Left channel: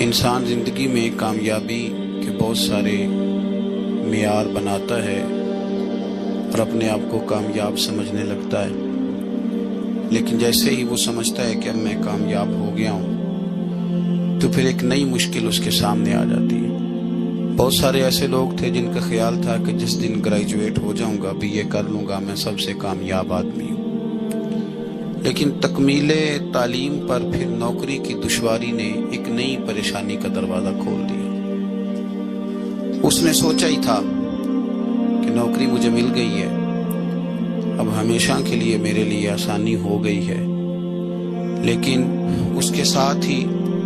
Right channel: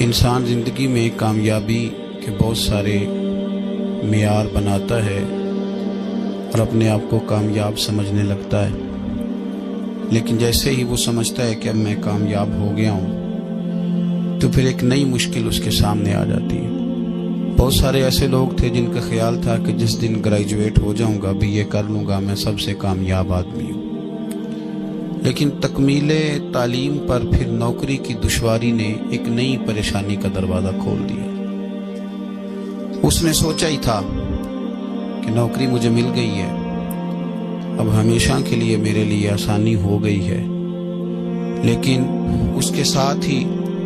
انسان زندگی میں کامیابی کے بہت سارے معیار بناتا ہے اور اپنے آپ کو کامیاب سمجھنے لگتا ہے، لیکن جیسے ہی وہ سمجھتا ہے کہ اب میں کامیاب ہو گیا ہوں تو پھر ایک نئی مشکل اس کے سامنے آ جاتی ہے۔ بہت سارے ایسے لوگ تھے جن کا خیال تھا کہ جس دن گریجویٹ ہو جاؤں گا بھی یہ کر لوں گا، میں سب سے کامیاب آدمی ہوں، لیکن تکمیل تعلیم پر پھر نوکری کی دشواری نے ایک نئی پریشانی کا دروازہ کھول دیا۔ اس نے سوچا ہی تھا کہ نوکری مجھے مل گئی ہے، اب ہمیشہ کے لیے میرے لیے آسانی ہو گئی ہے، لیکن اس کے ساتھ ہی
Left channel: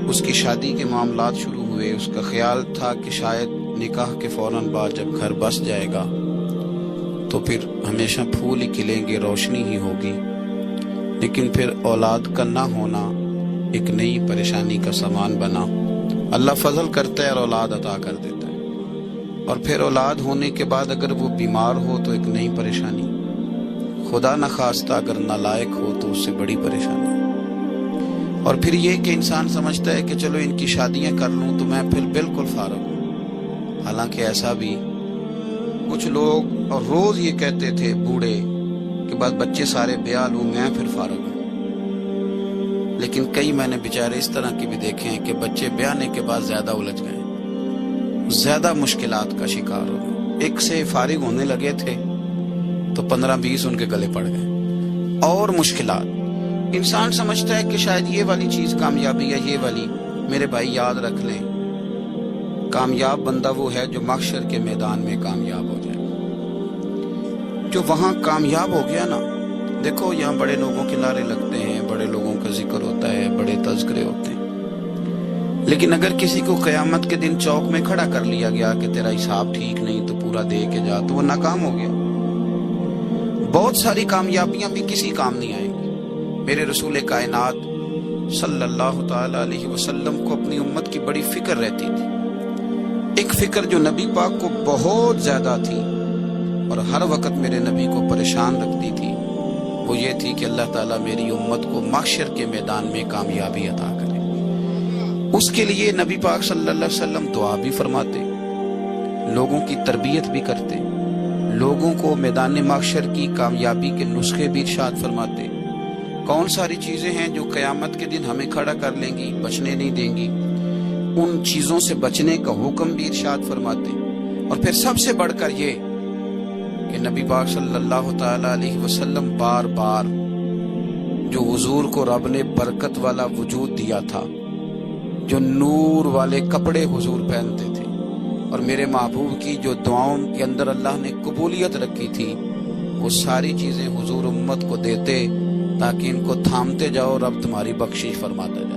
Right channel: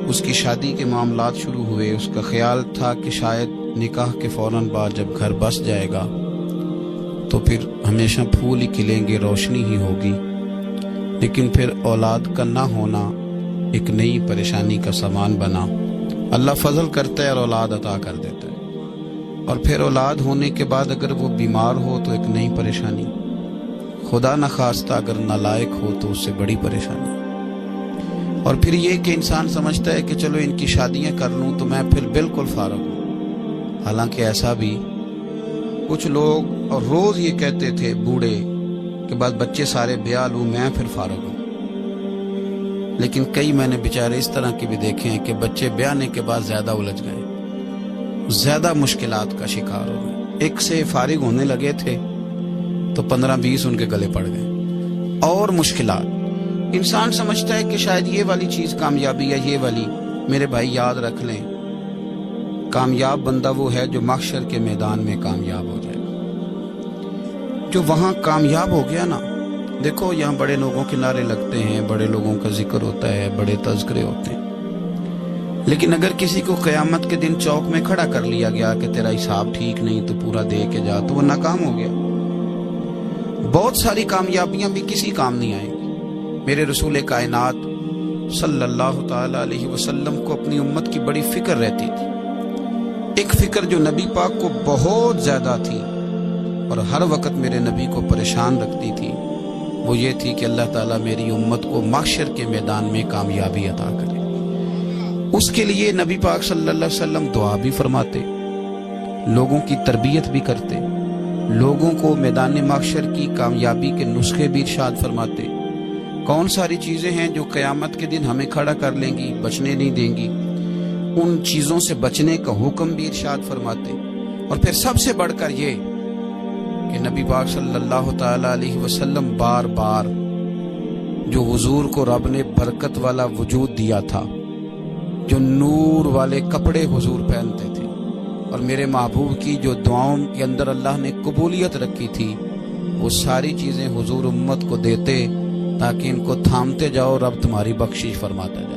اس کی شادی کے معاملات شروع ہوئے۔ اس کا خیال تھا کہ شاید نکاح کے فوراً بعد جب گھر بس جائے گا تو پھر ہمیشہ پھول ہی کھلیں گے، روشنی ہی ہوگی، لیکن پھر اولاد کا نہ ہونا ایک نئی پریشانی کا سامان بنا۔ اللہ فضل کرتا ہے اور اولاد عطا کر دیتا ہے، اور پھر اولاد ہونے کے بعد اگر وہ بیمار ہو تو ایک نئی پریشانی، خدا نخواستہ اگر نالائق ہو تو اس سے بڑی پریشانی، اور پھر یہ کہ انسان سمجھتا ہے کہ چلو ان کی شادیاں کر لوں تو میں پھر بالکل فارغ ہوں۔ حالانکہ ایسا بھی کچھ لوگ اور روز یہ کہتے تھے بوڑھے کہ بعد بچے سارے بیاہ لوں میں پھر فارغ ہوں، لیکن کئی میں نے بیچارے اس طرح کے بھی دیکھے ہیں کہ بچے بیاہنے کے بعد زیادہ الجھ گئے، زیادہ مشکلات کا شکار ہو گئے۔ ایک سے فارغ ہونے لگے تھے تو 15-20 ان کے گلے پڑ گئے، اور مشکلات۔ انسان سمجھتا ہے کہ شاید یہ والی چیز کامیابی ہے، یہ والی۔ میرے بھائی یاد رکھ لیں، کامیاب بندہ وہ ہے جو محشر کے میدان میں کامیاب ہو جائے گا۔ جو وہاں کامیاب ہو گیا نا، دیکھو یہاں بڑے لوگوں کے نعرے لگتے ہیں، بڑے لوگوں کا ذکر ہوتا ہے، بڑے تذکرے ہوتے ہیں، لیکن اگر کسی کو قیامت کے دن چوک میں کھڑا کر لیا گیا کہ تیرا حساب ٹھیک نہیں تو پورا دے کے جا، تو وہ ناکام ہو گیا۔ بہت ساری کامیابیاں بھی کسی کام نہیں آئیں گی۔ میرے رسول کائنات صلی اللہ تعالی علیہ وسلم کو اپنی امت کی بڑی فکر رہتی تھی، ایک فکر جو نبی پاک کو بہت زیادہ تھی اور ہر وقت میرے نبی کو پریشان رکھتی تھی، وہ یہ تھی کہ اللہ تعالیٰ میری امت کو محشر کے میدان میں کامیابی عطا کرے۔ اس کے لیے نبی پاک صلی اللہ علیہ وسلم دعا بھی فرماتے، لوگوں کی تربیت بھی کرتے، لوگوں کو میدان محشر کی کامیابی کے نسخے بھی ارشاد فرماتے۔ کون ساری چیزیں ہیں جو قیامت کے دن ہمیں کھڑا کر لیں گی، بچنے نہیں دیں گی، ان چیزوں سے بچنے کا حکم بھی ارشاد فرماتے۔ اور پھر سب سے بڑھ کر یہ کہ نبی پاک صلی اللہ تعالی علیہ وسلم بار بار جو حضور کو رب نے برکت والا وجود دیا تھا، جو نور والے کپڑے حضور پہنتے تھے، اور میرے محبوب کی جو دعاؤں کے اندر اللہ نے قبولیت رکھی تھی، وہ ساری چیزیں حضور امت کو دیتے تاکہ ان کو تھامتے جاؤ، رب تمہاری بخشش فرماتا جائے۔